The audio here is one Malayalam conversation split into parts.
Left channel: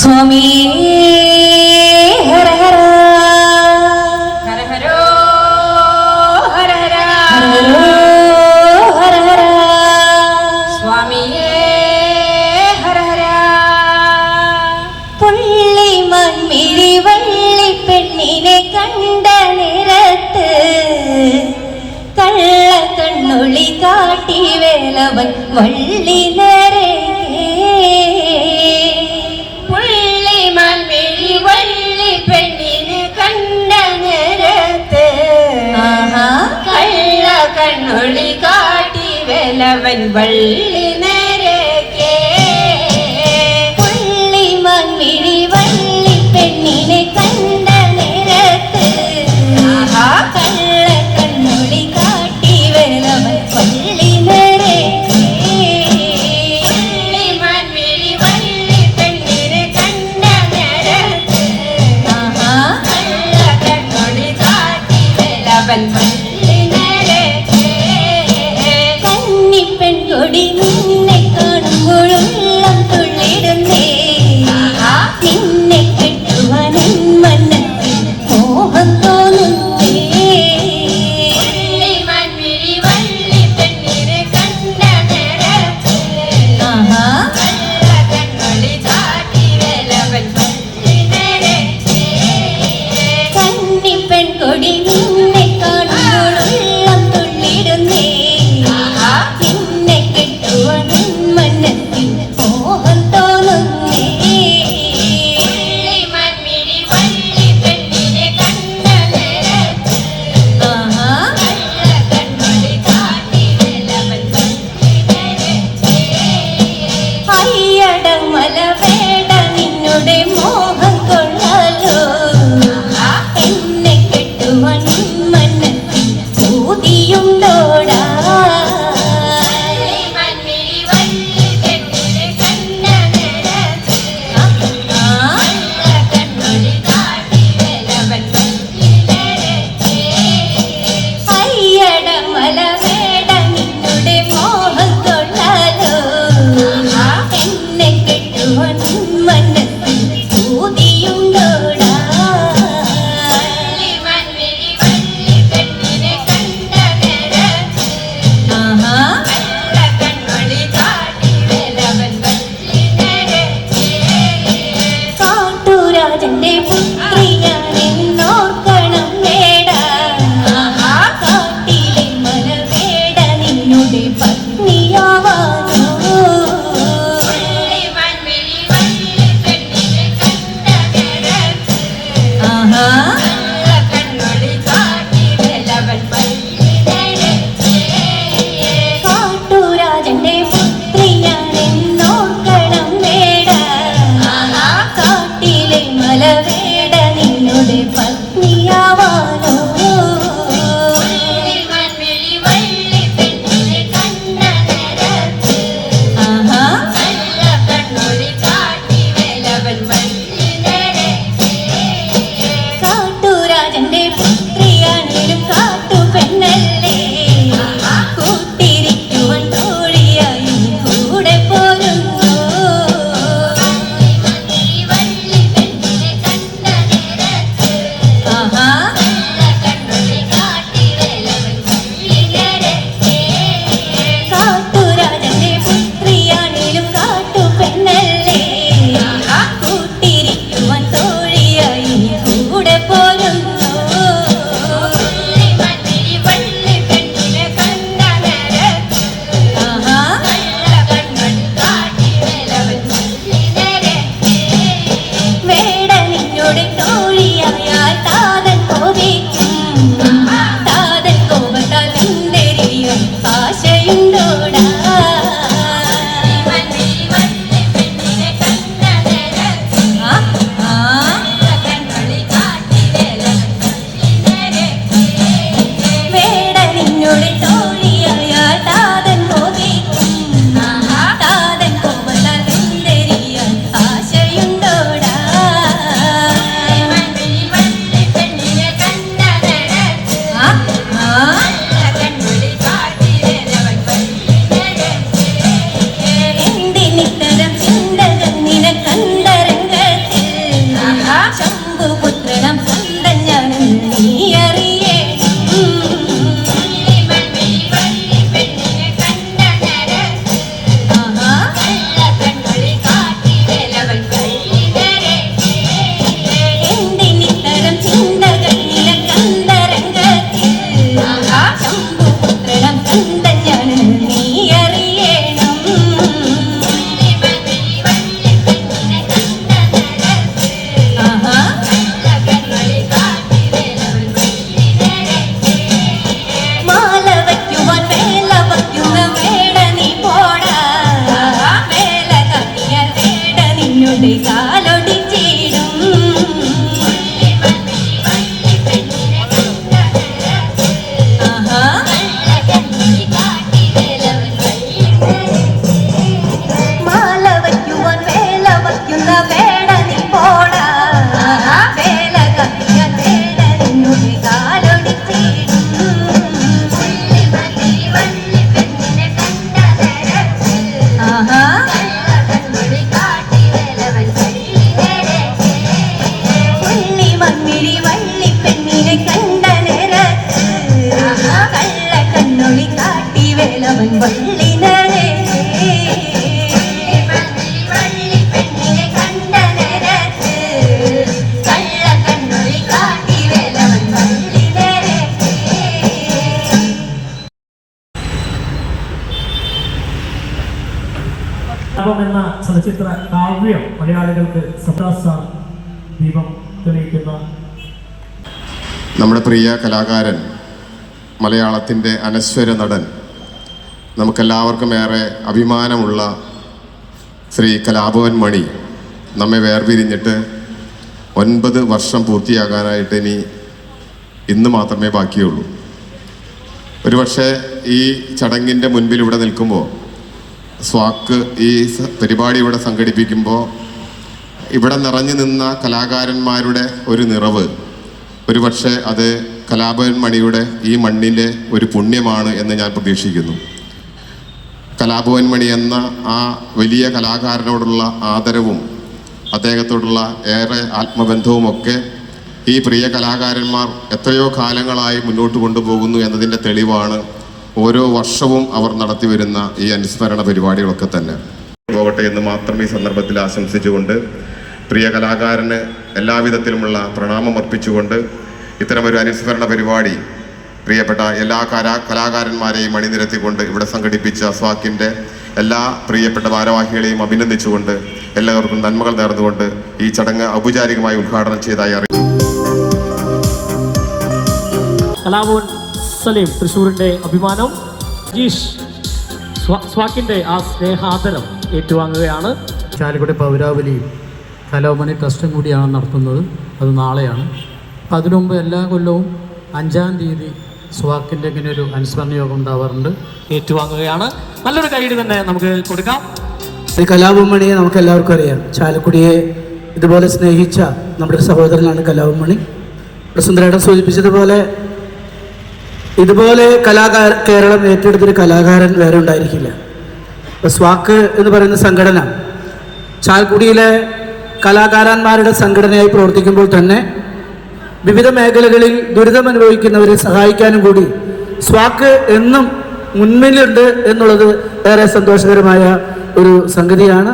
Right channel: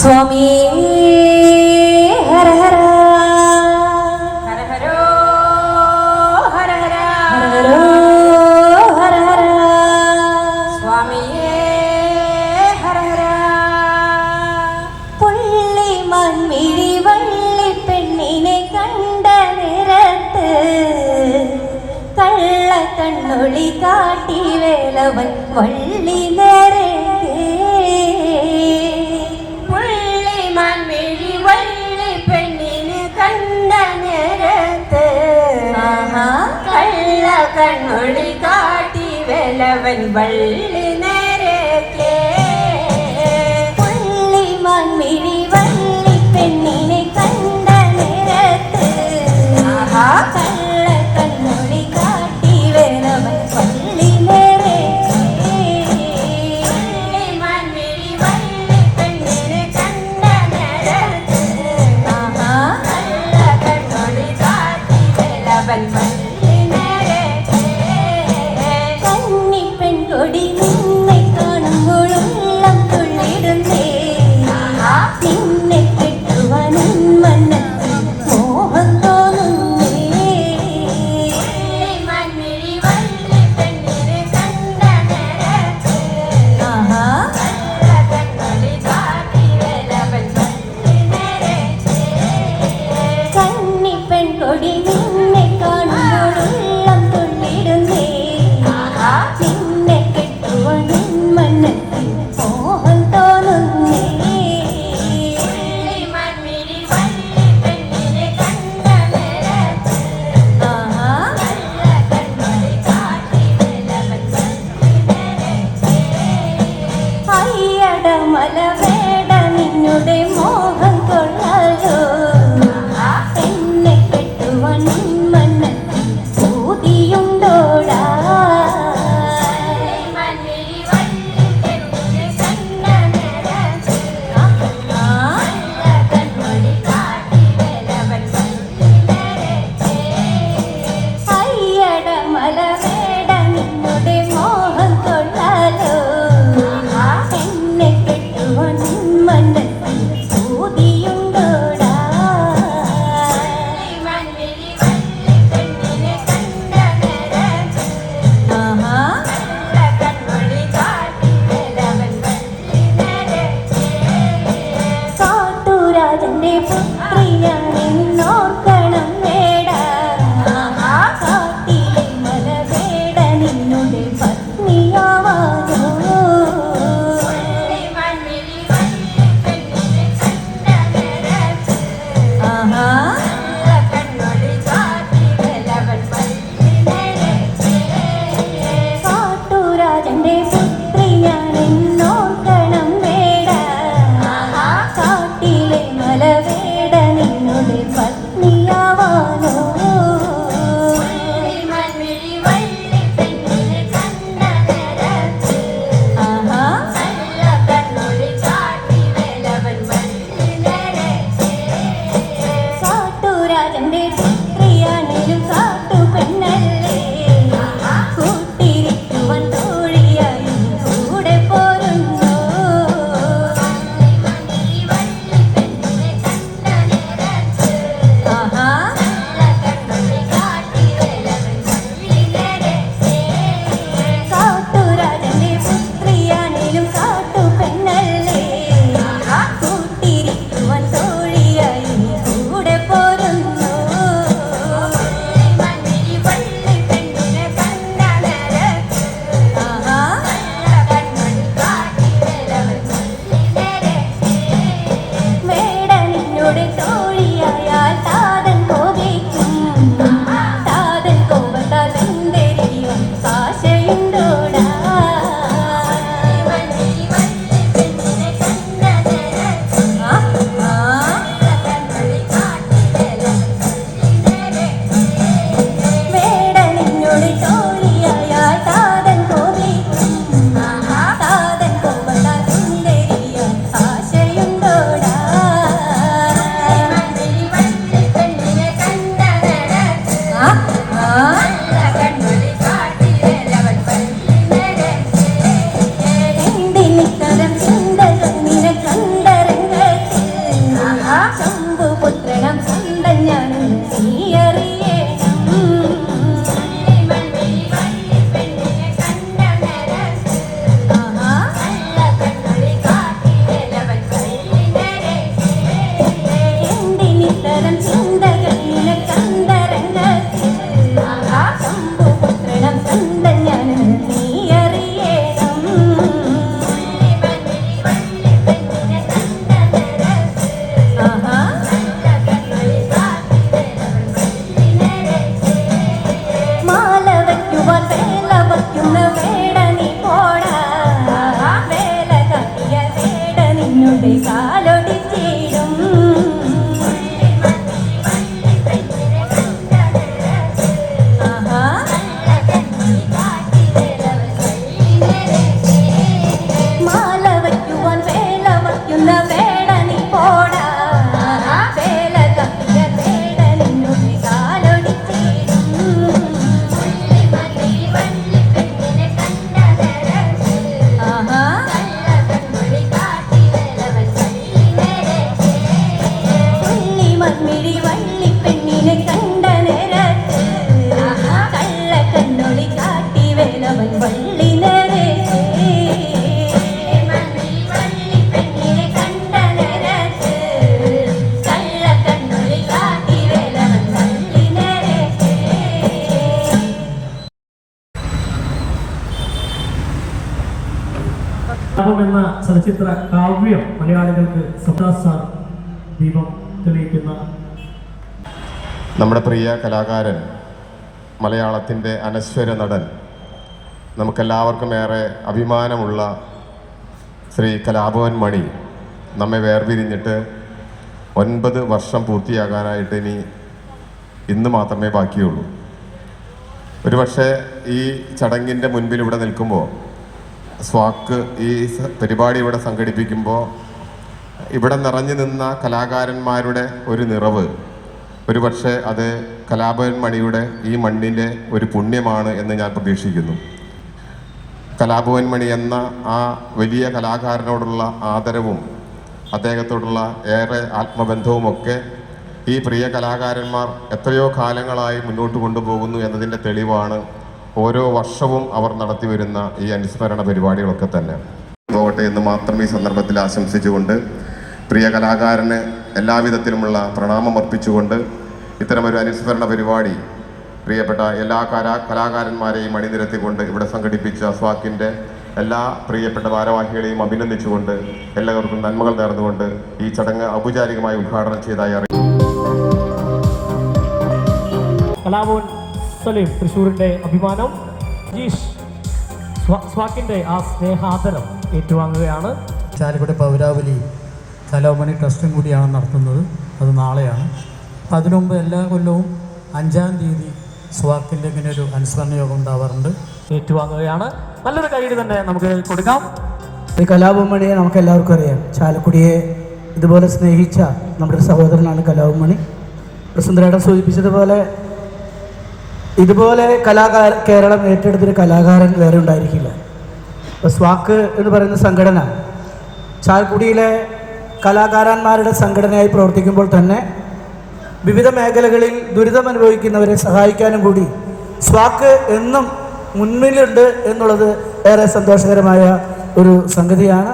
സ്വാമി. ഹര ഹര. പെണ്ണിനെ കണ്ട നിരത്ത് കള്ള കണ്ണുളി കാട്ടി വേലവൻ വള്ളി ചലച്ചിത്ര കാവ്യം മലയാളികൾക്ക് സദാസാർ ദീപം തെളിയിക്കുന്ന നമ്മുടെ പ്രിയ കലാകാരൻ മലയാളത്തിന്റെ അനശ്വര നടൻ നമുക്കെല്ലാവർക്കും ഏറെ അഭിമാനമുള്ള ശ്രീ കലാഭവൻ മണി നമ്മെ വേർപിരിഞ്ഞിട്ട് ഒൻപത് വർഷം പൂർത്തിയാകാനായിട്ട് ഇനി ഇന്ന് മാത്രമേ ബാക്കിയുള്ളൂ. ഒരുപക്ഷെ ഈ ചടങ്ങിന്റെ മുൻപിൽ ഇവിടെ നിൽക്കുമ്പോൾ സ്വാക്ക് ഈ പരിപാടി ഇവിടെ സംഘടിപ്പിക്കുമ്പോൾ ഇവിടെ നിറഞ്ഞു നിന്ന കലാകാരന്മാരുടെ ഒരു നിറവ്. ഒരുപക്ഷെ അത് കലാഭവൻ മണിയുടെ ഈ മണ്ണിലെ ഒരു പുണ്യമാണ് എന്ന് ഞാൻ പ്രതീക്ഷിക്കുന്നു. കലാഭവൻ മണി എന്ന ആ വലിയ കലാകാരനോടുള്ള ആദരവും അദ്ദേഹത്തോടുള്ള ഏറെ ആത്മബന്ധവുമൊക്കെ ഈ പ്രിയ കലാകാരന്മാർ എത്രയോ കാലങ്ങളായി മുന്നോട്ട് കൊണ്ടുപോകുന്നു എന്നതിന്റെ തെളിവാണ് ഓരോ വർഷവും അവർ നടത്തിവരുന്ന ഈ അനുസ്മരണ പരിപാടികളൊക്കെ തന്നെ. പോകട്ടെ എന്ന് മാത്രം ഈ സന്ദർഭത്തിൽ ആശംസിച്ചുകൊണ്ട് പ്രിയ കലാകാരന് എല്ലാവിധത്തിലുമുള്ള പ്രണാമം അർപ്പിച്ചുകൊണ്ട് ഇത്തരമൊരു അനുസ്മരണ പരിപാടി പ്രിയപ്പെട്ട എല്ലാ കലാ കലാകാരന്മാരെയും അണിനിരത്തിക്കൊണ്ട് ഇവിടെ സംഘടിപ്പിച്ച സ്വാക്കിന്റെ എല്ലാ പ്രിയപ്പെട്ട ഭാരവാഹികളെയും അഭിനന്ദിച്ചുകൊണ്ട് എല്ലാവർക്കും നന്മകൾ നേർന്നുകൊണ്ട് ഈ ചടങ്ങ് ഔപചാരികമായി ഉദ്ഘാടനം ചെയ്തായി അറിയിച്ചു സലീം തൃശ്ശൂരിന്റെ അഭിമാനം. ജീഷ് സ്വാ- സ്വാക്കിന്റെ ആ സ്നേഹാദരം ഏറ്റുവാങ്ങുകയാണ്. ചാലക്കുടി പൗരാവലിയും കലോമണി ട്രസ്റ്റും കൂടിയാണ് നടത്തുന്നത്. അത് നാളെയാണ്. അതിനുമുമ്പ് അതിനു എല്ലാ കൊല്ലവും അഞ്ചാം തീയതി സ്വാക്കിന്റെ ഇങ്ങനെ ഒരു അനുസ്മരണ യോഗം ഉണ്ടാവാറുണ്ട്. ഏറ്റുവാങ്ങുകയാണ്. നല്ലൊരു കൈയ്യടി തന്നെ നമുക്ക് കൊടുക്കാം. ശ്രീ കലാപമണിയെ നമുക്ക് എല്ലാവർക്കും അറിയാം. ചാലക്കുടിയെ ഇതുപോലെ സ്നേഹിച്ച നമ്മുടെ സഹോദരനാണ് കലാപമണി സുന്ദരേട്ടൻ സൂചിപ്പിച്ചതുപോലെ ഇതുപോലെ കലാകാര കേരളം ഏറ്റെടുത്തൊരു കലാകാരൻ വേറെ ഉണ്ടായിരിക്കില്ല. സ്വാക്ക് എന്ന് പറയുന്ന സംഘടന ചാൽക്കുടിയിലെ കലാകാരന്മാരുടെ സംഘടനയായി പ്രവർത്തിക്കുമ്പോൾ തന്നെ വിവിധ മേഖലകളിൽ ദുരിതം അനുഭവിക്കുന്നവരെ സഹായിക്കാനും കൂടി സ്വാക്ക് എന്നും മുൻപിലുണ്ട് എന്നുള്ളത് ഏറെ സന്തോഷകരമായ ഒരു സംഗതിയാണ്.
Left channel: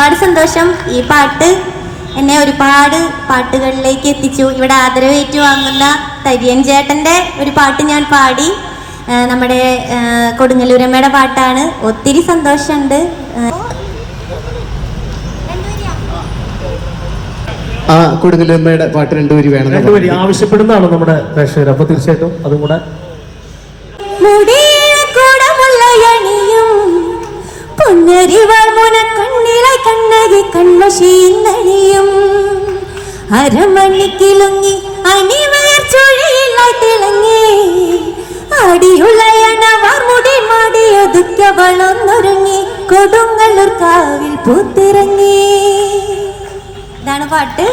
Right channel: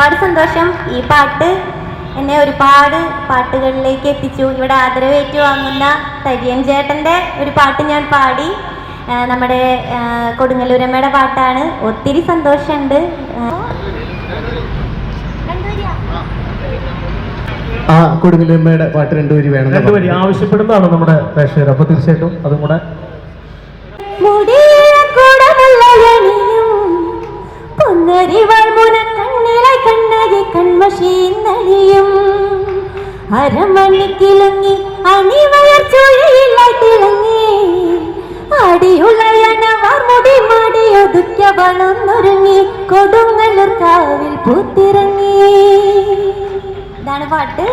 ഒരുപാട് സന്തോഷം. ഈ പാട്ട് എന്നെ ഒരുപാട് പാട്ടുകളിലേക്ക് എത്തിച്ചു. ഇവിടെ ആദരവേറ്റ് വാങ്ങുന്ന തരിയൻ ചേട്ടന്റെ ഒരു പാട്ട് ഞാൻ പാടി. നമ്മുടെ കൊടുങ്ങല്ലൂരമ്മയുടെ പാട്ടാണ്. ഒത്തിരി സന്തോഷമുണ്ട്. ആ, കൊടുങ്ങല്ലൂരമ്മയുടെ പാട്ട് രണ്ടുപേരി വേണം. രണ്ടുപേരി ആവശ്യപ്പെടുന്നതാണ് നമ്മുടെ പ്രേക്ഷകർ. അപ്പൊ തീർച്ചയായിട്ടും അതും കൂടെ മുടിയില കണ്ണകി കൺമശീന്നണിയും അരമണിക്കിലുങ്ങി അണിവയർ ചുഴിയിലായി തിളങ്ങി. അടിയുളയണവർ മുടി മടി ഒതുക്കവളൊന്നൊരുങ്ങി കൊടുങ്ങല്ലൂർ കാവിൽ പൂത്തിറങ്ങി. ഇതാണ് പാട്ട്.